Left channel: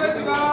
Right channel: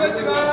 Спасибо.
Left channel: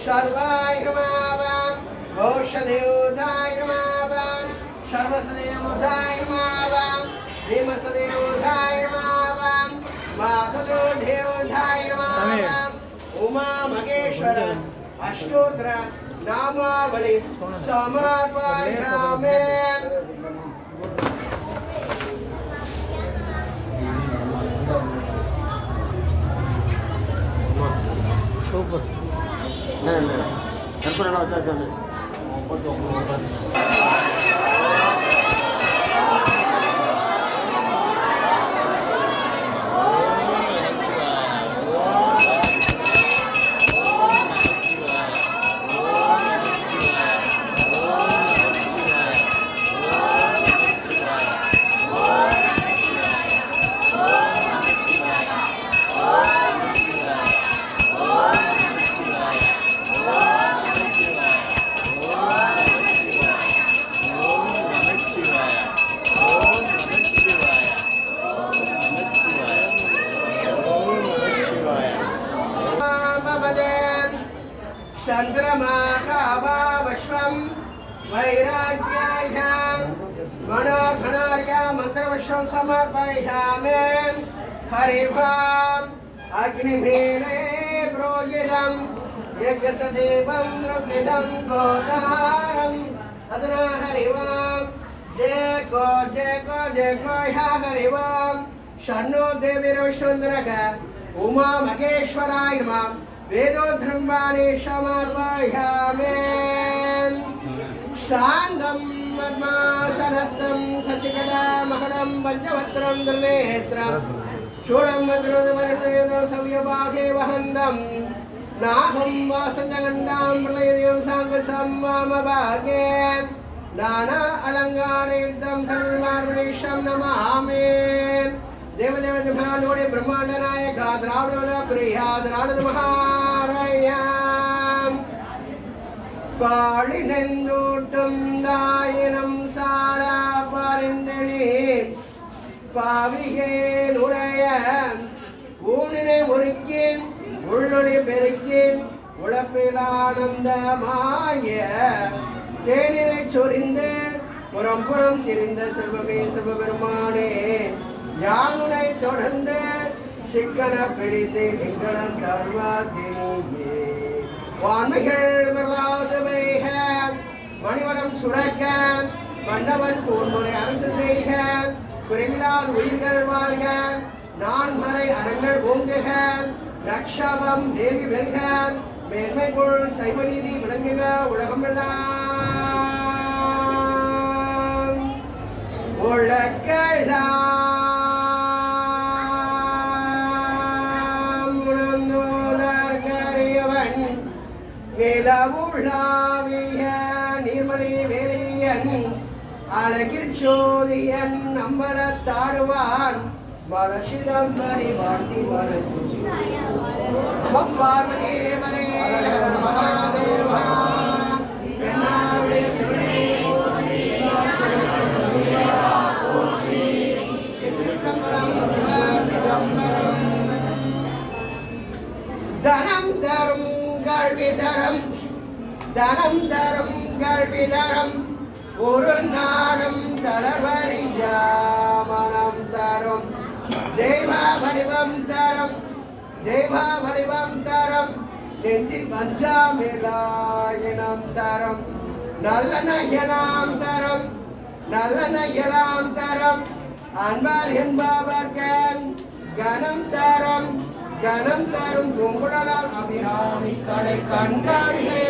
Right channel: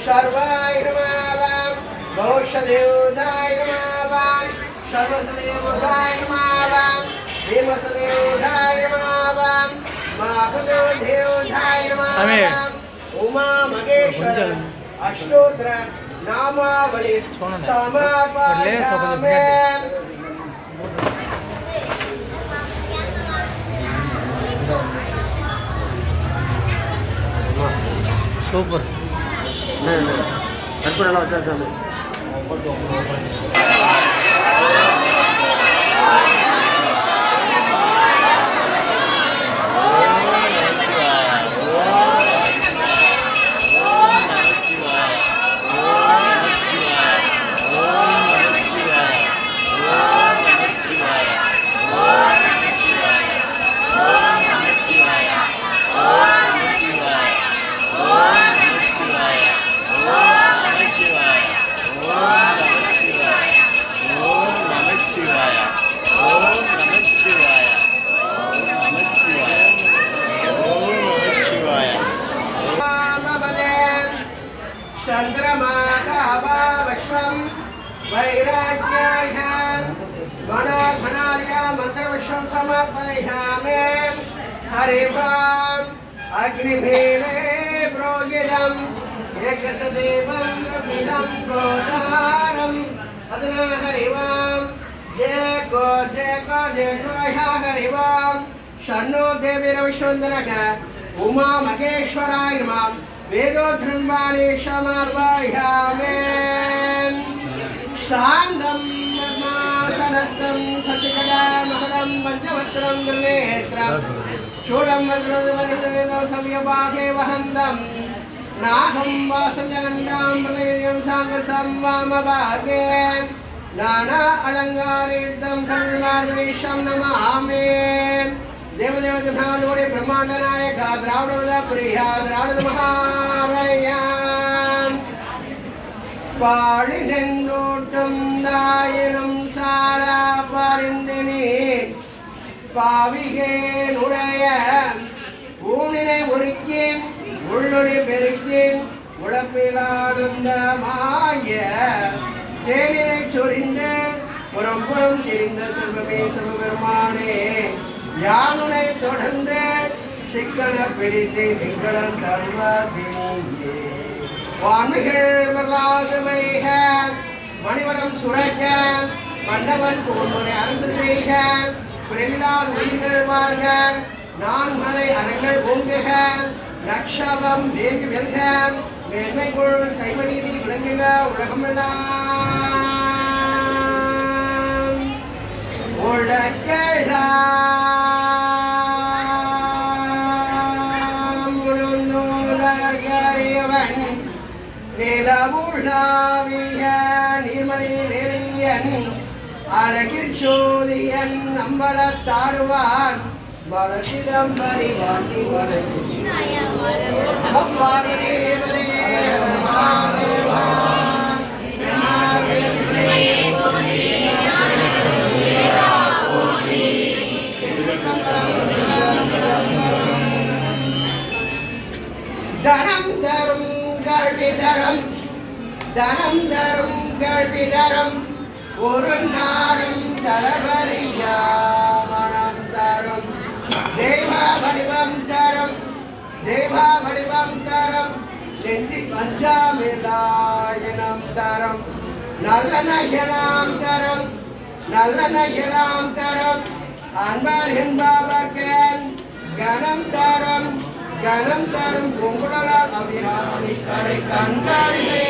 பவாய் நமாவாம் சர்வாய் நமாவாம் கோஷதேவதாய் நமாவாம் சர்வசதேவதாய் நமாவாம் பீமசதேவதாய் நமாவாம் மாபதேவதாய் நமாவாம் உமா மகேஸ்வர அஷ்டோத்திர లేదు లేదు. కనుక్కుని ఎలా వచ్చేసండి ముప్పై తొమ్మిది चन्द्रमाकाभावश्वं वैराग्यायां मनोघनार्य मन्त्रविश्वं समर्पयामि हरिभाम् अग्निमीले प्रोगिदम् यज्ञसदेवं प्रपिदं गोदारम् अधुना हरिवां जय को जय को जय को ह्या हरिवां शन्नो देवीरविश्वन्दनः उमा महेश्वराय नमः वेदोधृण्वाणि क्षमार्वाह्यामेन् साङ्गं पद्मासनद्धं शशिकटामहरं पञ्चवक्त्रं दुर्नेत्रं शूलं वज्रदवनितवेदसव्यपाके वहन्दं नागं वासजगण्डां प्रलयं साङ्गसं वामभागे। नाना अलङ्गारेद्धं सर्वार्वैशं नमामि। ದೇವದೇವತೆ ನೋಡಿ ಬ್ರಹ್ಮಾಂಡ ನಾಯಕ ದ್ರಾವಣದ ಪ್ರಿಯ ದ್ರಾವಣದ ಮಹಾರಯ பாழினெங்கூட்டும் தாயினும் சாரா பரிந்தினி பாவிகே நுழைய ஊனினை ஒருக்கேன் உள்ளுடி பெருக்கேன் உழப்பிலானந்தமாய தேனினை சொரிந்த புறம் புறம் தெரிந்த செல்வமே சிவபெருமானே யானுனை தொடர்ந்து சிக்கன பிடித்து சிங்களம் தர்வதினியே. வான்மைகள் வரலாறு வைக மணிவனம் சுரக்க மன்னவன் கோன்முறை அரசு செய்க குறைவிலாத உயிர்கள் வாழ்க நான்மறை அறங்கள் ஓங்குக லட்சபம் தேவி வெல்க மேன்மைக்குள் சைவநீதி விளங்குக உலகமெல்லாம். உலகெல்லாம் நிலவுழாவிய நீர்மணி வேலியன் அழகிற் சோதியன் நம்பலத்தாடுவான் மலசிதம் பரிவாட்டி வணக்கம் தனம் தரும் கல்வி தரம் ஒரு நாடும் தளவரியா மனம் தரும். தெய்வ வடிவம் தரும் தெய்வ வடிவம் தரம். நெஞ்சில் பஞ்சாமிலாயனம் தரும். நல்ல நயனாம் தரம் நல்ல நயனாம் தரம். அன்பர் என்பவர்கள் கணம் தரம் கணம் தரும். பொங்குடலால் அபிராமி கடை கண்களே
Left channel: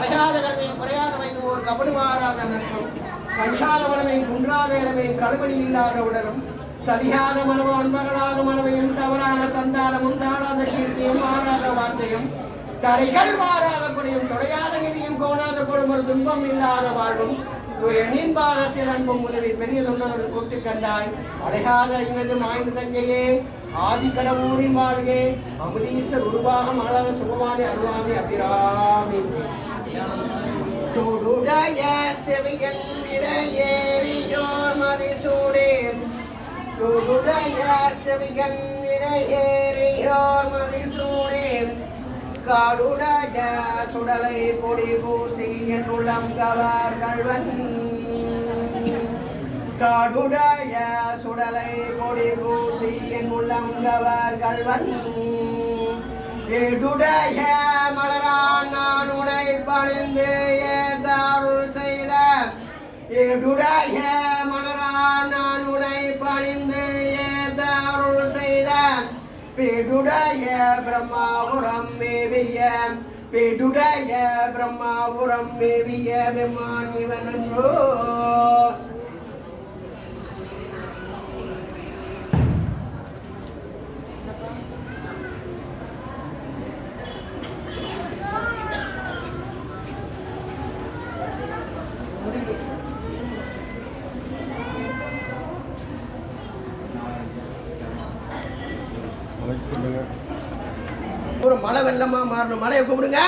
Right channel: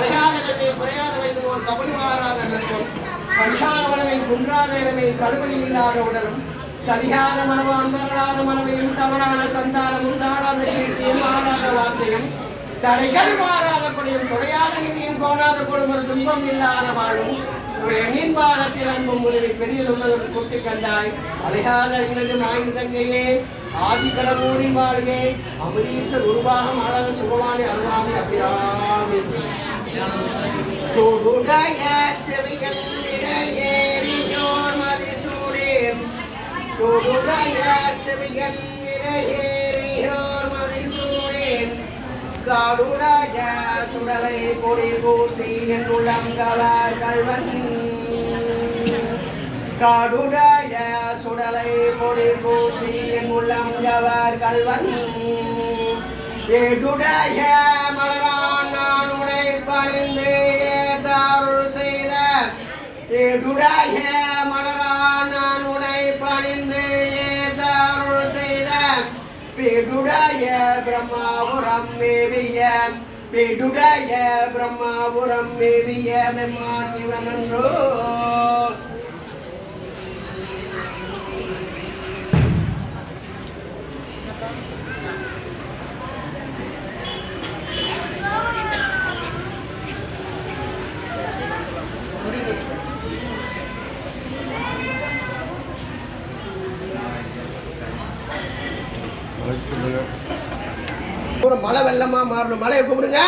கலையாத கல்வியை குறையாத வைக்கும் கபடி மாறாத நற்போல் கஞ்சாத உடமை குன்றாத இளமை கழுவலி இல்லாத உடலும் சரியாத மனமும் அன்பர்களாத மனமையும் தவறான சந்தானமும் தாழாத கீர்த்தியும் மாறாத வார்த்தையும் தடைகள் மாறாத குடியும் தொலையாத நிதியும் கோணாத கொடுமர் துன்பம் இல்லாத வாழும் எண்ணின் பாகத்தில் அன்பும் உதவி பெரிய உள்ளதொரு கூட்டி கண்டாய். அலையாத அறிந்தது மாய்ந்த தங்கையே ஆதி கடவுரின் வாழ்வே அமுதீசர் உருவாகம் அழக சுகமானி அருவாமி அபிராமி. தொடுடைய செவியன் இடையேறியோர் மதிசூடேன் தொடுடைய செவியன் இடையேறியோர் மதி காடுடைய சுடலை கொடி பூசி என் உளம் கவர் கல்வன் காடுடைய சுடலை பொடி பூசி என் உள்ளம் கவர் கள்வன் ஏடுடைய பணிந்து ஏதாருள் செய்த ஏடுடைய மலரான் நான் உனை பணிந்து ஏதாருள் செய்த பேடுடைய பிரம்மாபுரம் மேவிய பேடுடைய பிரம்மாபுரம் மேவிய பெம்மான் இவனன்றோ ஒரு மழை வெள்ளமா மாறணும். மழையை கூப்பிடுங்க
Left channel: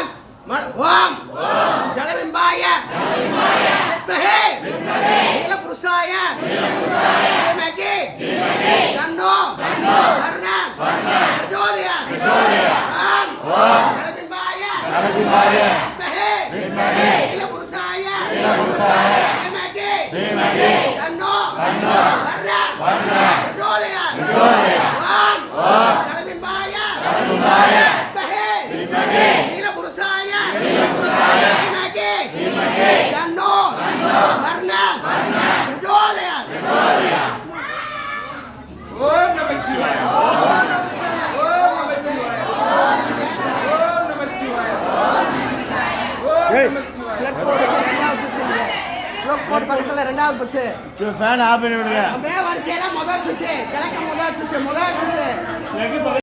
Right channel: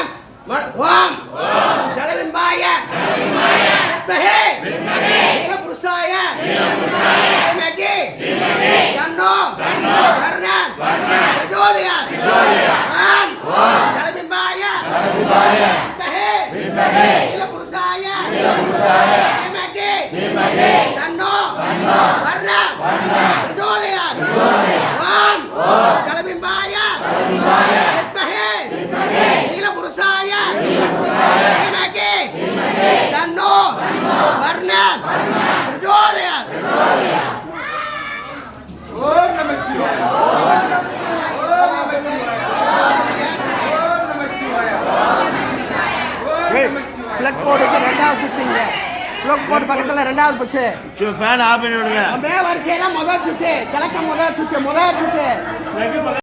மழை ஓம். ஜலவிம்பாய வித்மஹே நீலபுருஷாய. தீமகி தன்னோ கர்ணம் பிரச்சோதய ஓம். ஜலவிம்பாய வித்மஹே நீலபுருஷாய தீமகி தன்னோ கர்ணம் பிரச்சோதய ஓம் ஜலவிம்பாய வித்மஹே நீலபுருஷாய தீமகி தன்னோ கர்ணம் பிரச்சோதய பிளக் போர்டுக்கு ரெண்டாவது சுவிட்சுங்க பிளக் போர்டு பக்கத்துல ரெண்டாவது சுவிட்ச் ஃபேன் ஆஃப் பண்ணி விடுங்க மே வரிசையில கிழக்கு முதல் சுவிட்ச் முதல் சுவிட்ச்